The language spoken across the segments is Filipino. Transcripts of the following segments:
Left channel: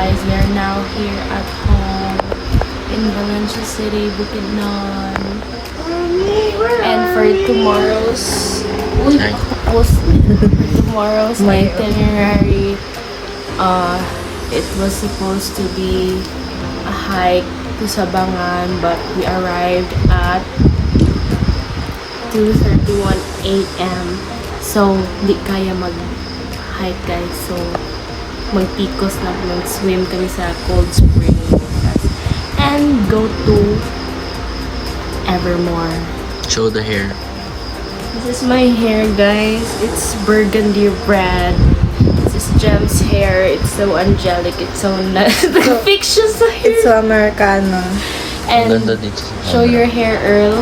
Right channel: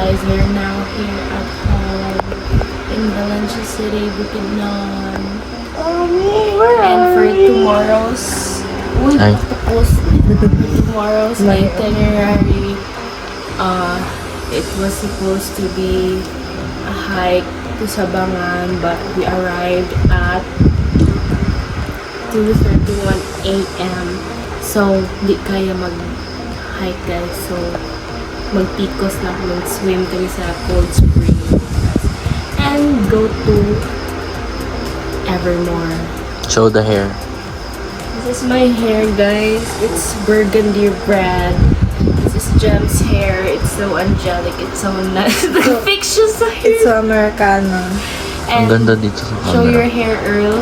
guys, we are now here at home in Valencia City, Bukidnon. And for tomorrow's itinerary, it was supposed to be a hike to Sabangan, but we arrived at 2:31 a.m. So, di kaya mag-hike guys. So, magtikos lang, mag-swim kami sa cold spring. And go to Evermore. Show the hair. This is my hair guys. It's burgundy red. This is Gem's hair. It's so angelic. It's so nice. Fictitious hair. It's so Americano. And Ganda dito. show your hair, Earl.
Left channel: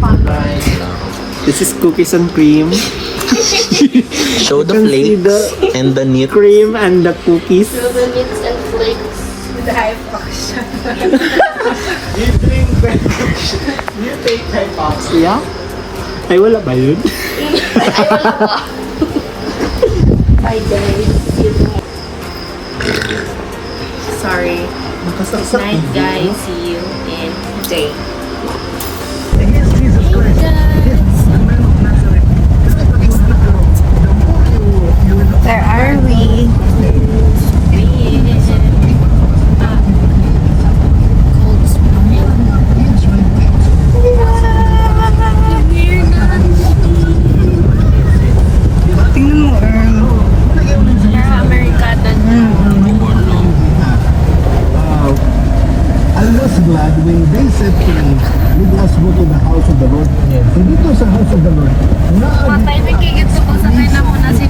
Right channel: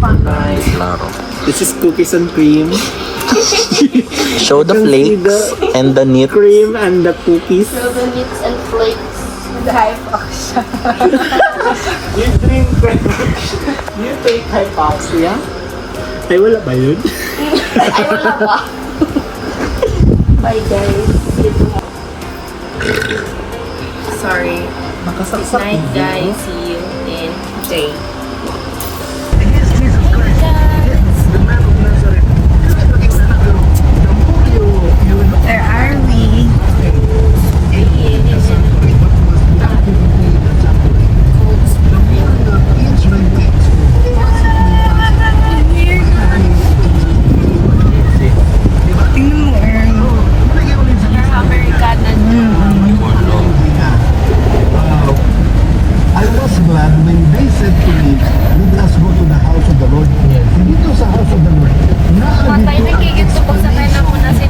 Klaro. This is cookies and cream. Show the flakes and the knit. Cream and the cookies. Show the knits and flakes. Dry fuck siya. You think hypoxia? Ay, wala ba yun? Bye guys. Sorry. Good night guys. See you in day. Where are we? Cold spring. Tingnan mo, Earl. Americana. I was glad when they said to me, let us go to the house of the Lord. Dito sa house of the Lord, Matay na kikit to pag sakay na muna si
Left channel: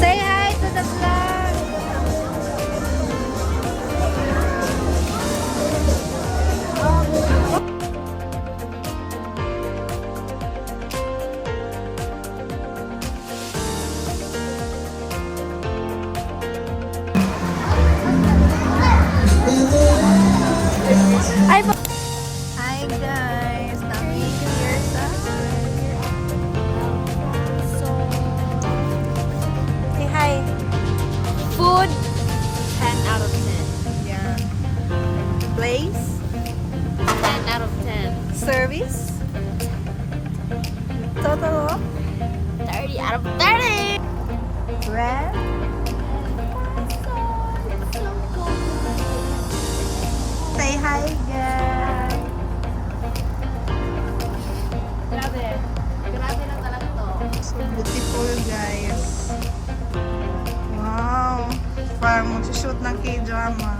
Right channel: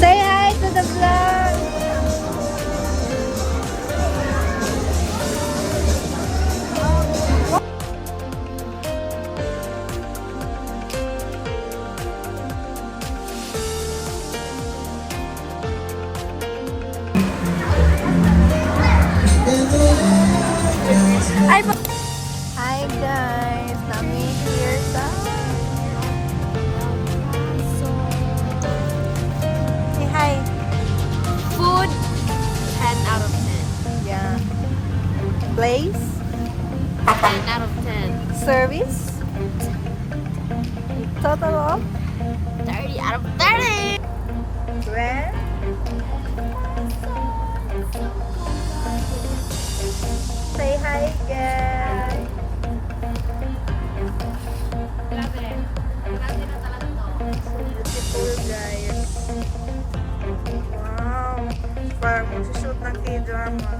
Say hi to the vlog. Hi guys, nami here sa say hi. food 10 out of 10. Yeah. Place, 10 out of 10. service, total of 30 out of 30. where? Say hi guys. Grabe. Grabe na talaga to. Beautiful guys. Wow. Parang mag-shoot ng K-drama.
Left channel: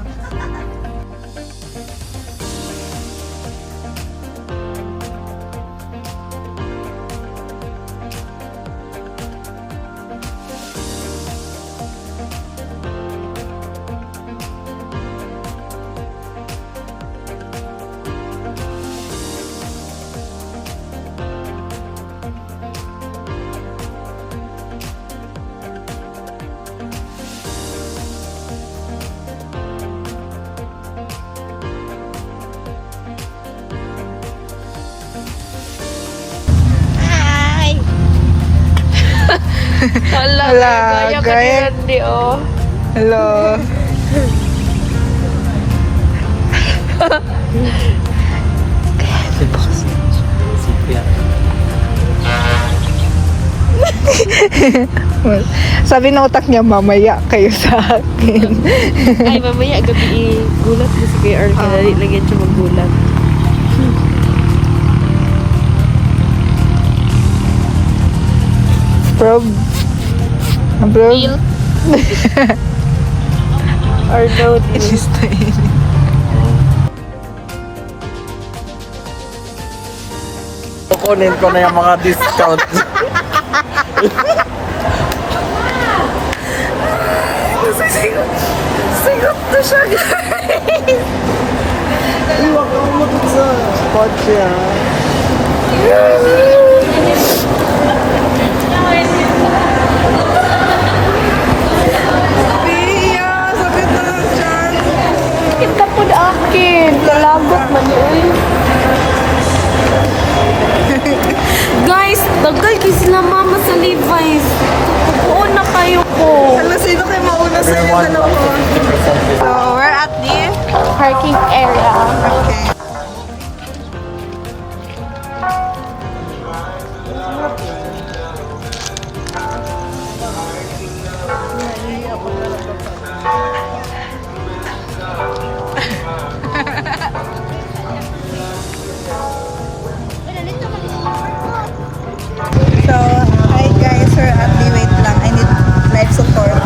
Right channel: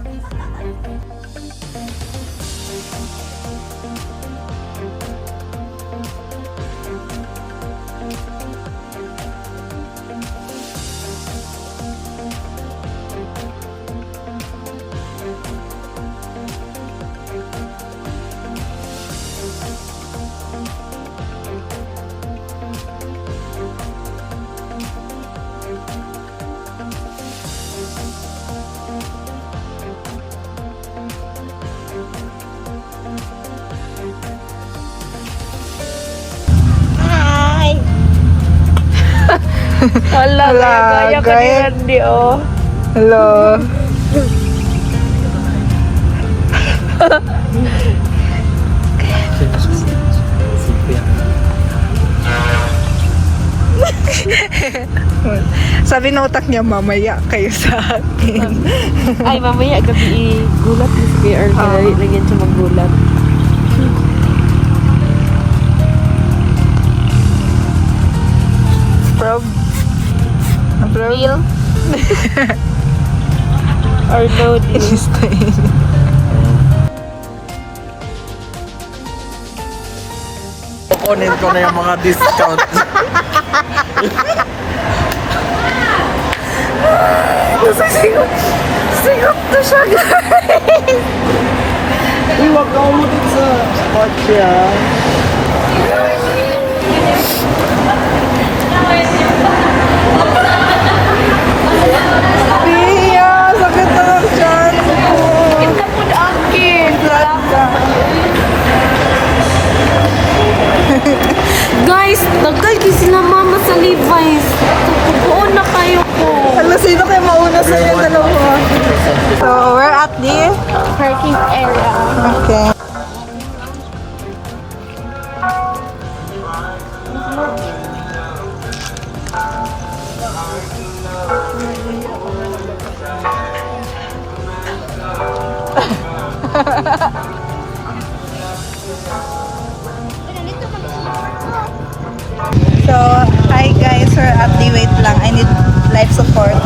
Hala, gaya. Hindi, oh. Hello. Sabi ng utak niya, mamaya kayo sa akin. Ay, mamaya gabi gulat mo si Kuya Earl. Kaya lagyan siya maggulat. Bro. Real? Or no deal? Kukunin ko na yung mga discount. Iwag ka mo dun sa kotse ah. Iya, sakit na lang dyan. Kita po na akin. Guys, tagal din sila mama sa Levi's. Pupuon na kayo po. Alam, sino kayo mauna sa inyo dalawa? So, we're at the... Parking area. Okay. So, hi guys, we're at the wait lang. I need life support.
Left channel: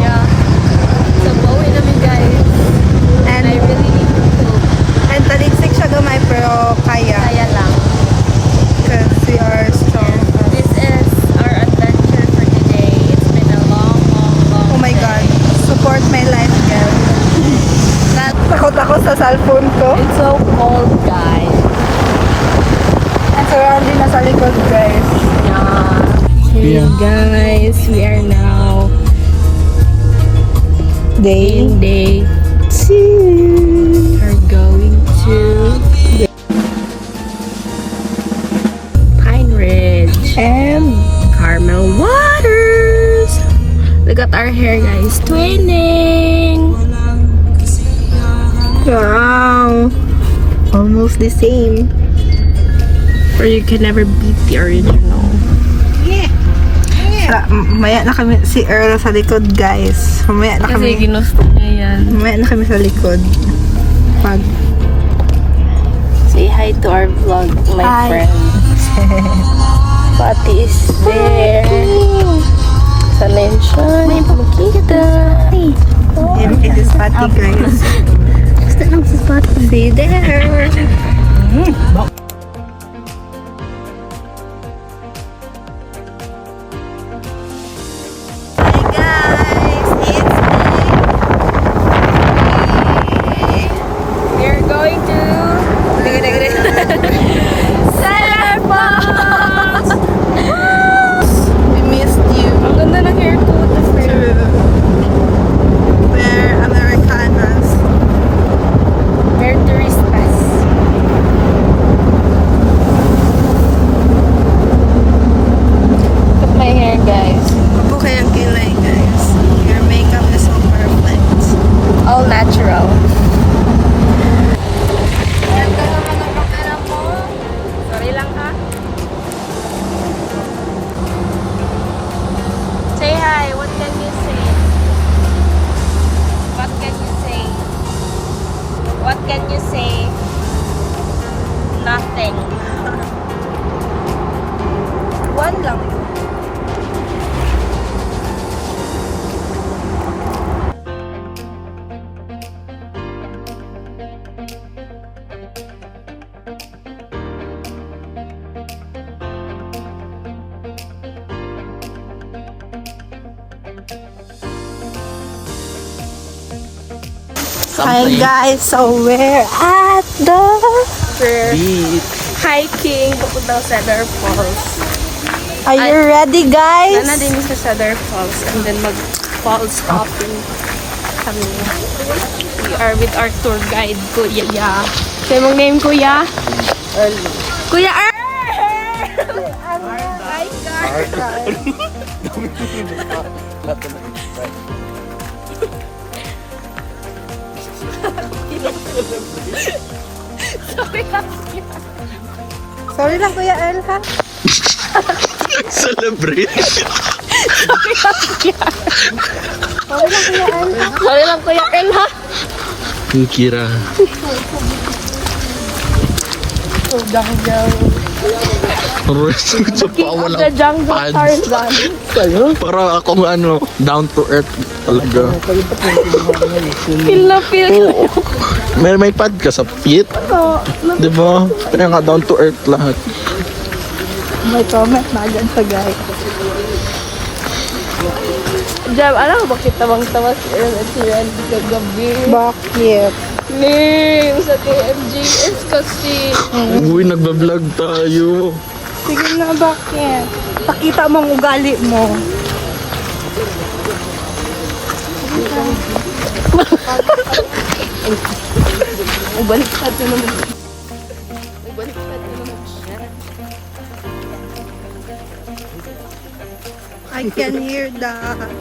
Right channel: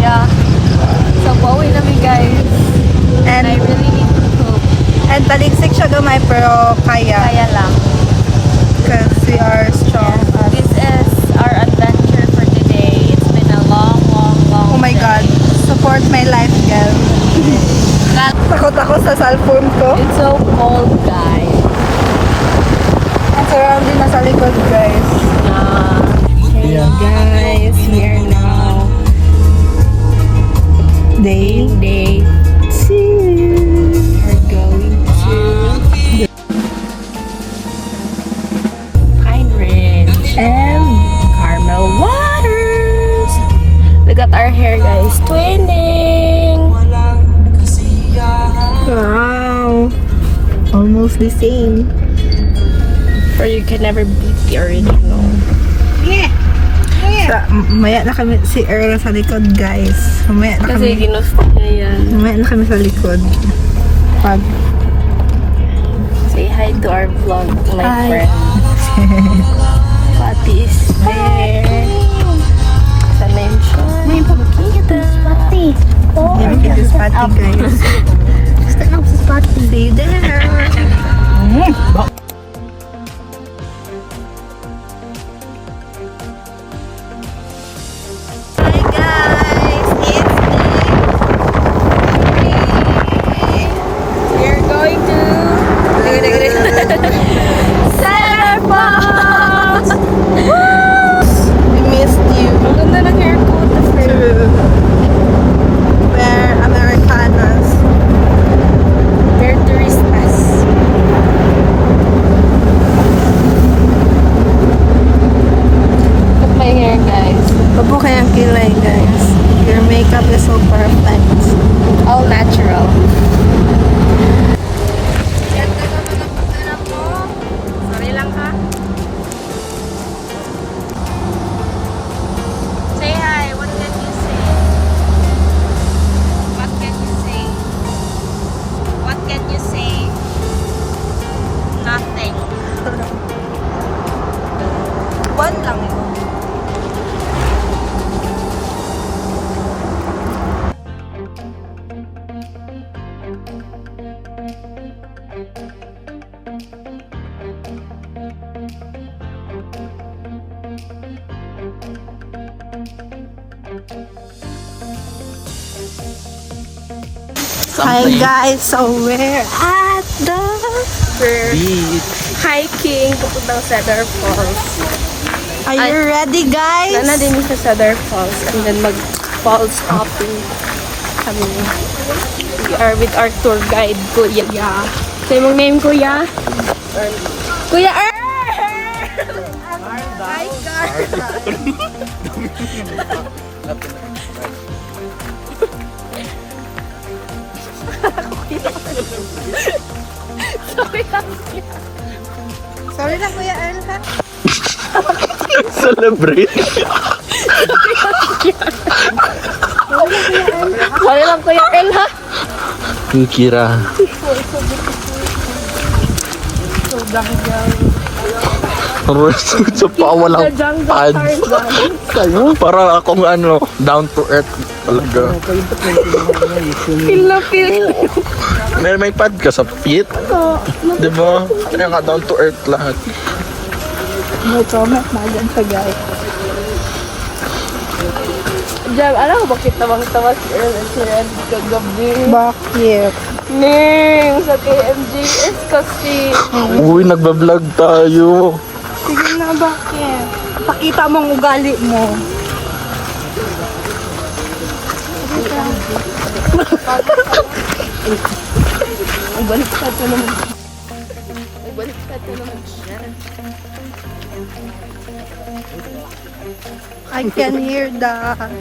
Yeah. So, pauwi namin guys. And, I really hope. and taligsik siya gamay pero kaya. Kaya lang. Because we are strong. This is our adventure for today. It's been a long, long, long Oh my God. Support my life, girl. Takot ako sa cellphone ko. It's so cold, guys. And surrounding na sa likod, guys. Yeah. Hey guys, we are now Day. in day 2. We're going to Pine Ridge and Carmel Waters. Look at our hair, guys. Twinning. Wow. Almost the same. Or you can never beat the original. Maya na kami si Earl sa likod, guys. Mamaya na Kasi kami. ginusto niya yan. Mamaya na kami sa likod. Pag Say hi to our vlog, my Hi. friend. Pati is there. Sa mention, kita. this is Patty, guys. See you there. Hi guys, it's We're going to Center Falls! we missed you. Ang ganda ng airport. True. We're Americanas. They're touristas. Look at my hair, guys. Huwag mo kayang kilay, guys. Your makeup is so perfect. All natural. Sorry lang ha. Say hi. What can you say? What can you say? What can you say? Nothing. One lang yun. Hi guys, so we're at the Hiking. Papuntang Cedar Falls. Are you ready guys? Wala na din sa Cedar Falls and then mag-falls hopping kami. We are with our tour guide, Kuya Ya. Say mong name, Kuya? Kuya Earl! Hi guys. Sorry lang, Kuya El, ha? Celebrate. Sorry lang Kuya El, ha? Kira. Sa pawalang The jungle pads. Tarzan. Para akong down to earth talaga. Feel na feel. Oo. May pad ka sa feet. Oo. Di ba? Kaya nga down to earth lahat. No comment na agad sa guys. Jam, alam mo bakit tamang tawas early siya dito gabi? Bakit? Ning, sa TMGS kasi. Uy, nagbablog tayo. Sige na, bakit? Pakita mo ang ugali mo. Ay, baliktad na naman. Ay, baliktad na naman siya. I can hear that.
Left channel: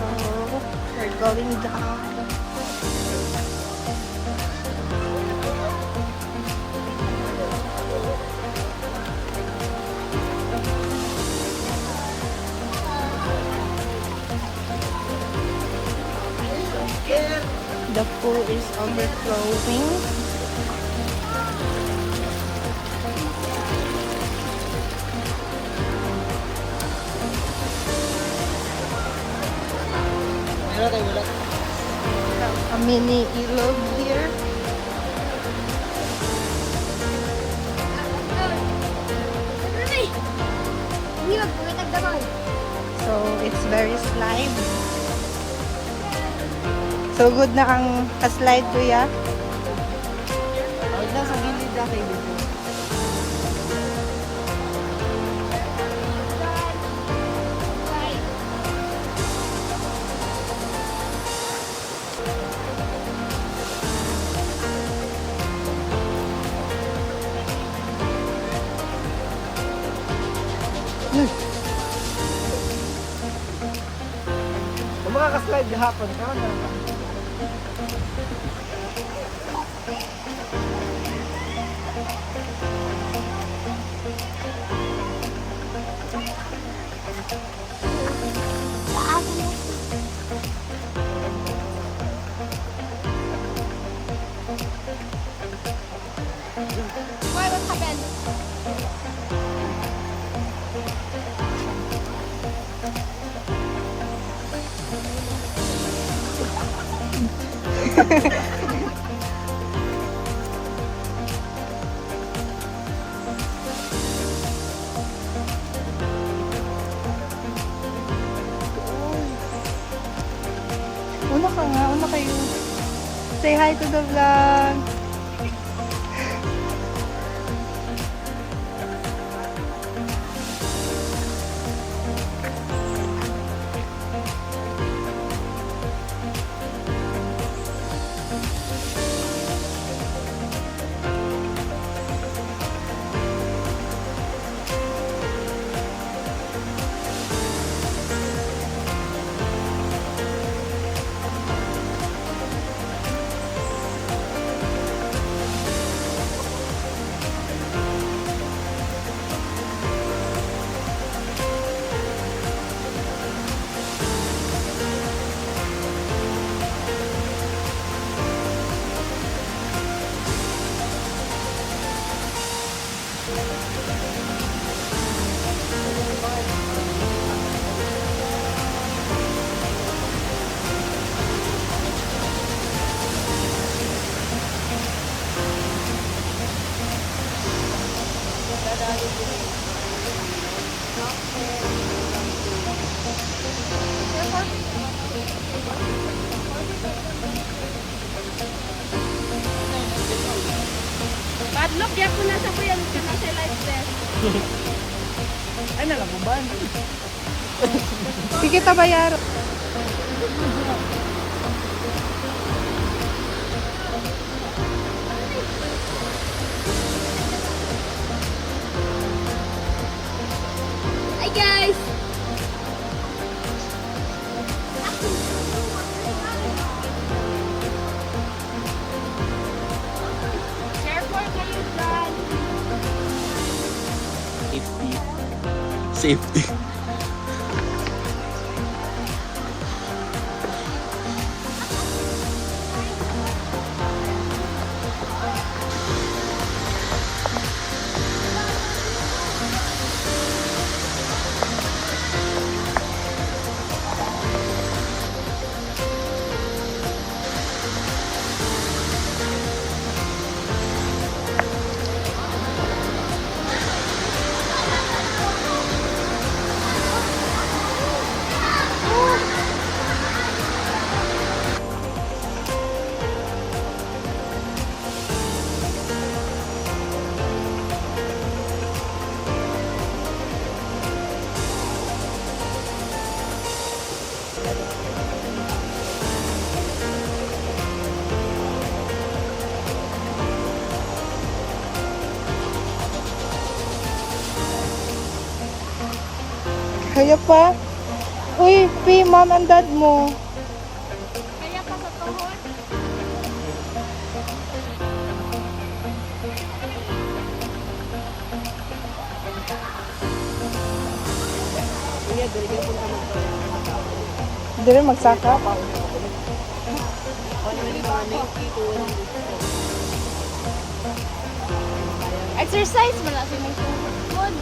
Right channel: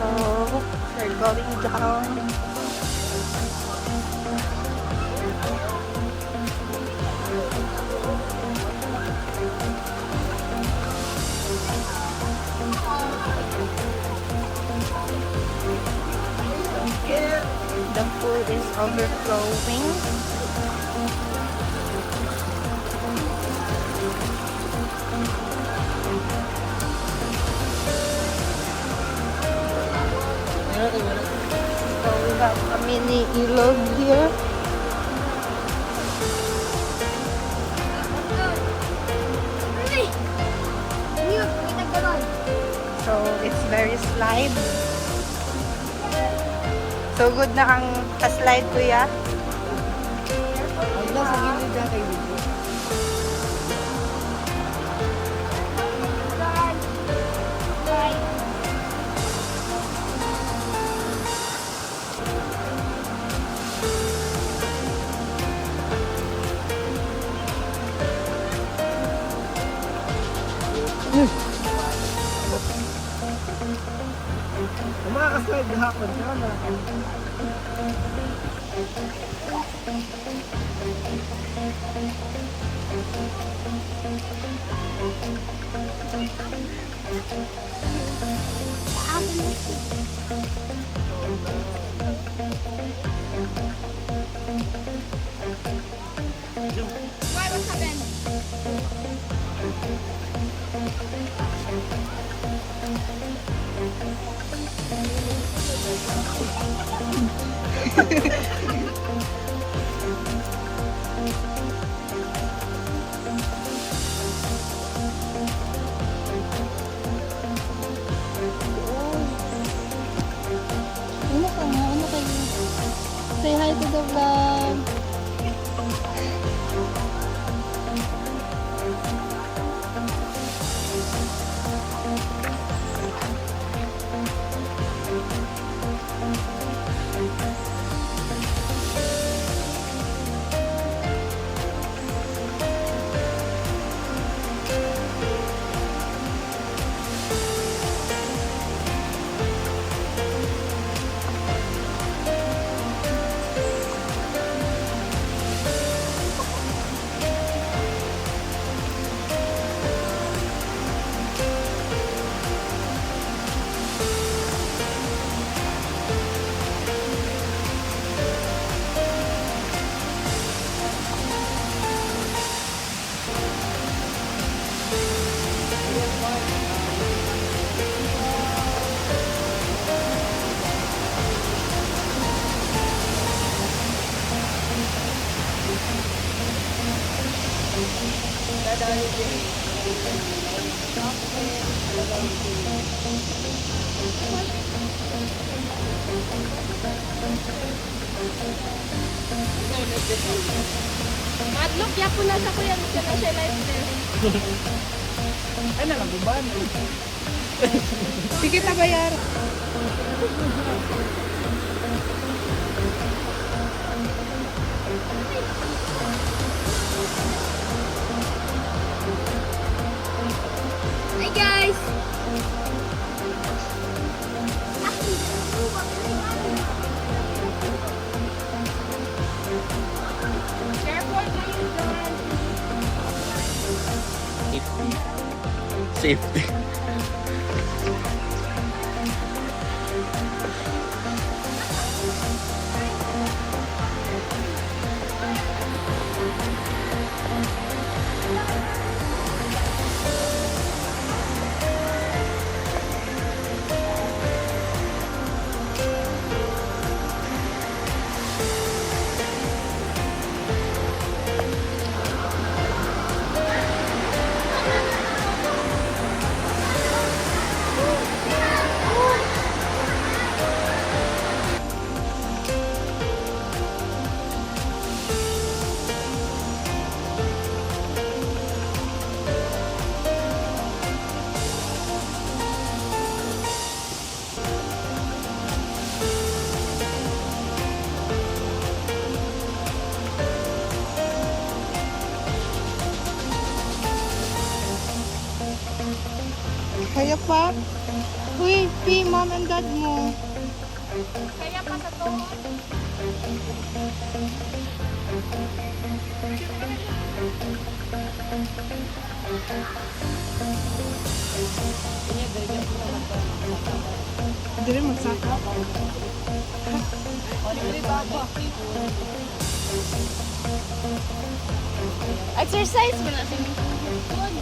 So, we're going down. The pool is overflowing. So we have a mini ilog here. So it's very slide. So good na ang slide ko ya. Sa gilid na kayo dito. Kung makakaslide hapon, kaya meron ka. Una ka nga, una kayo. Say hi to the vlog. Padlock, yapon na sa kuya. Gusto na siya live there. Ay, nalabuban. Sige, tabayar. Hi guys! Careful kayo dyan! Safety. Kaya pa? Uy, P, mom and dad mo. Hindi rin magsaka. Exercise mo na siya ng food.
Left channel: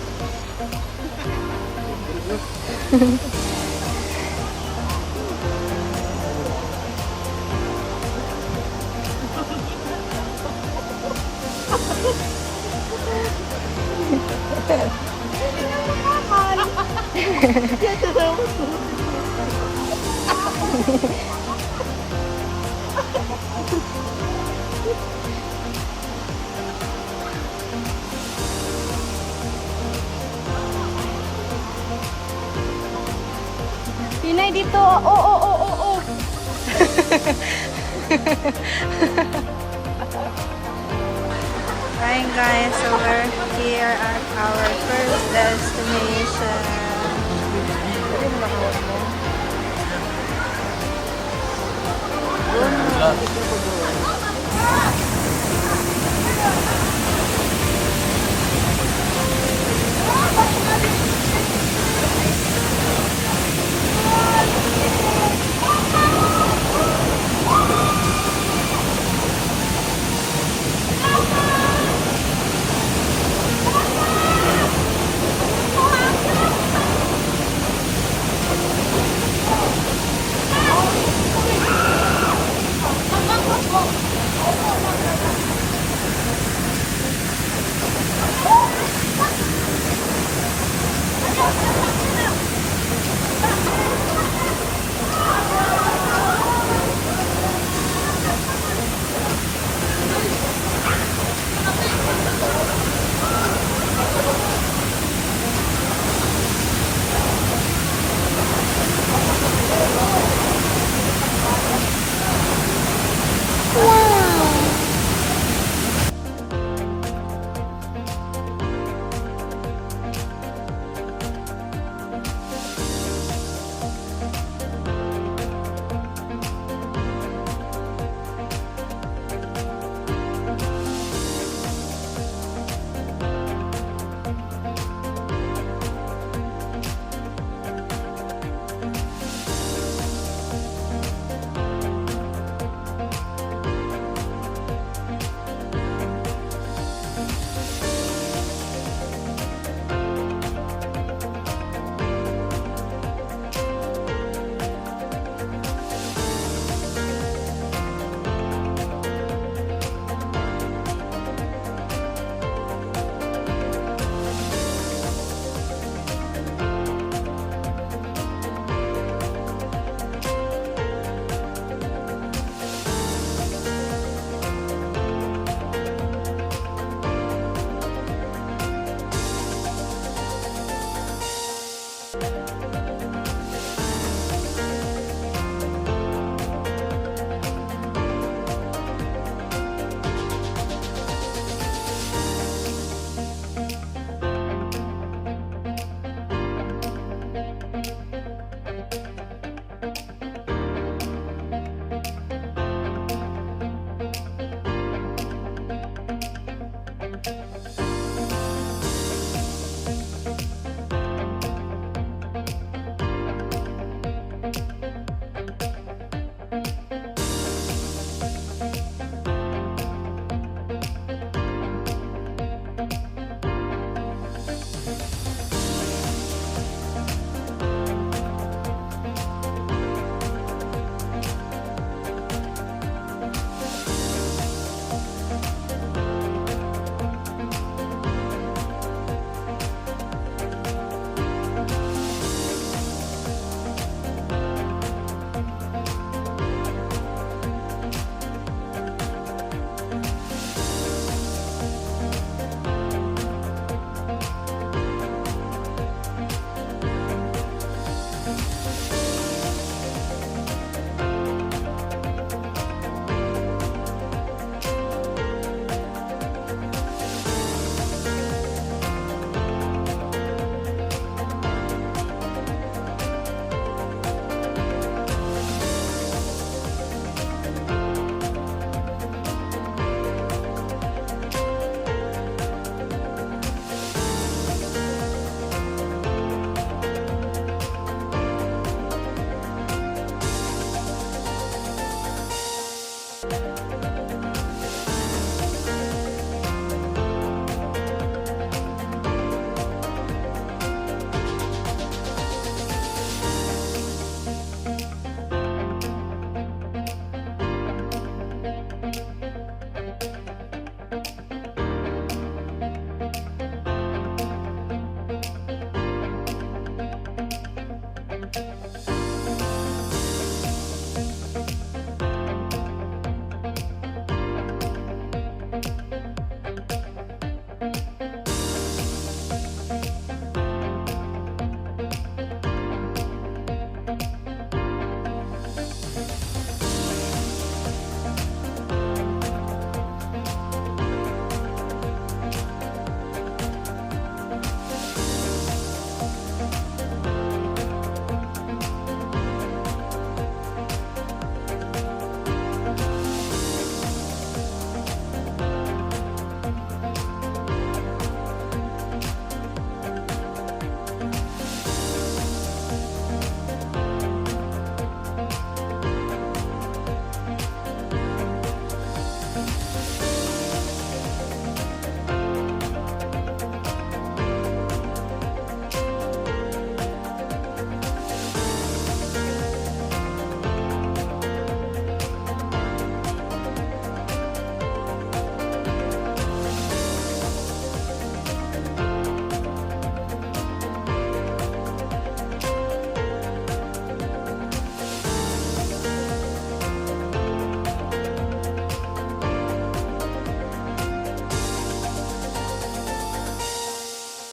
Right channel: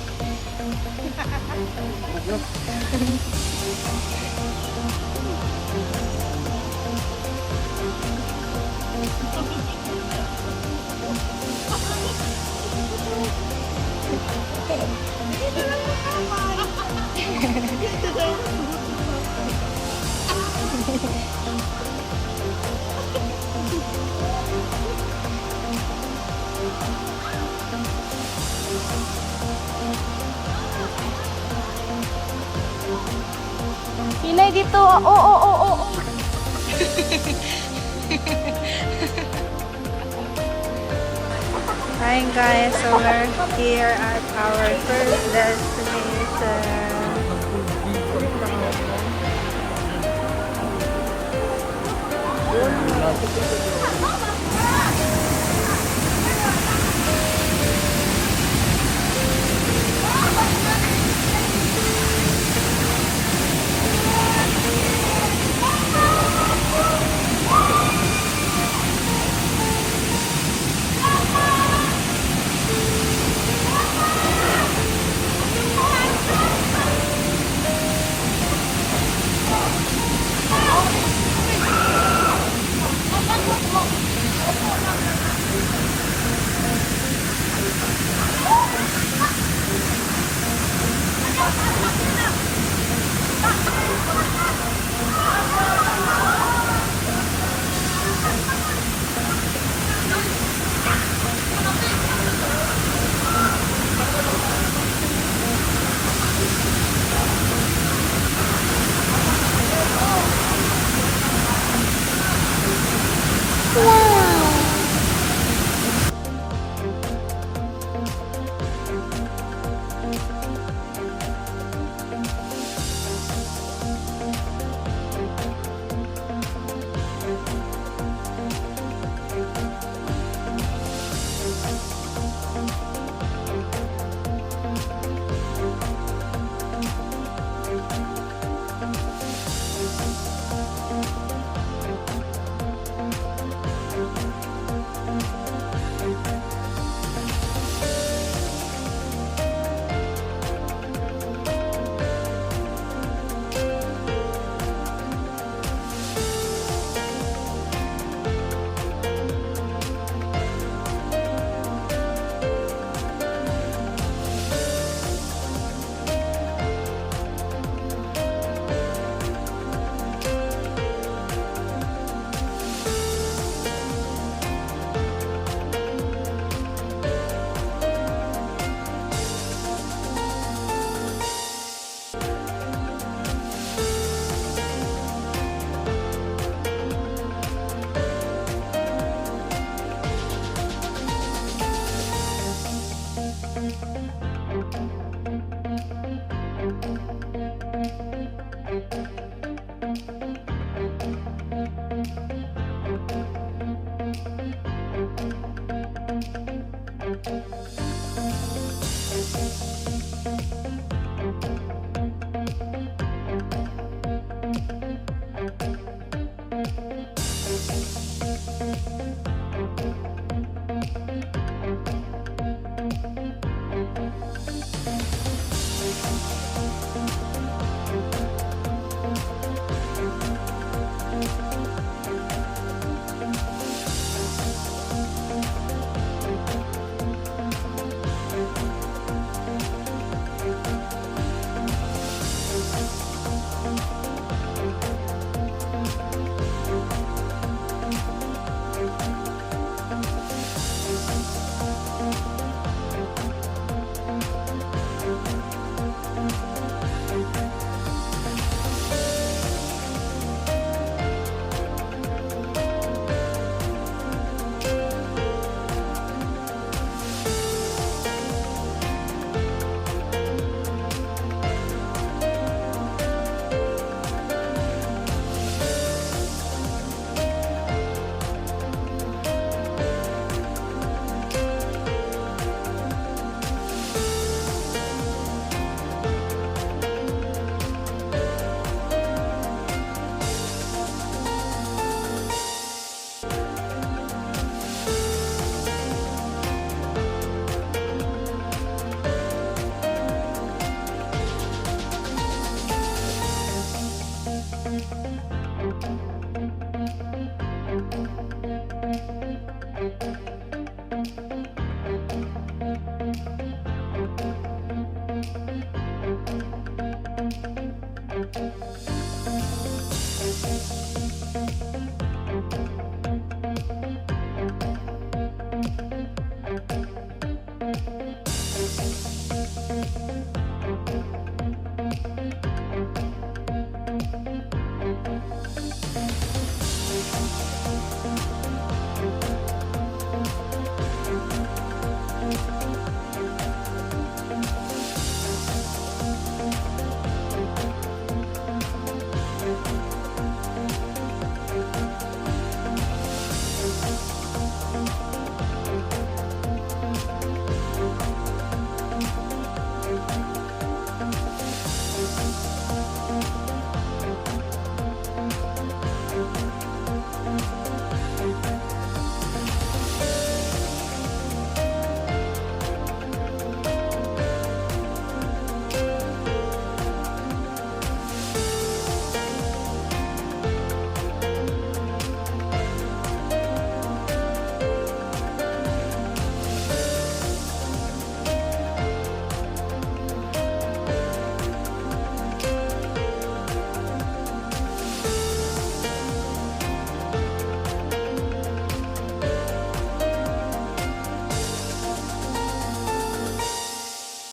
Pinay dito. Oo. Hi guys, so we're here at our first destination.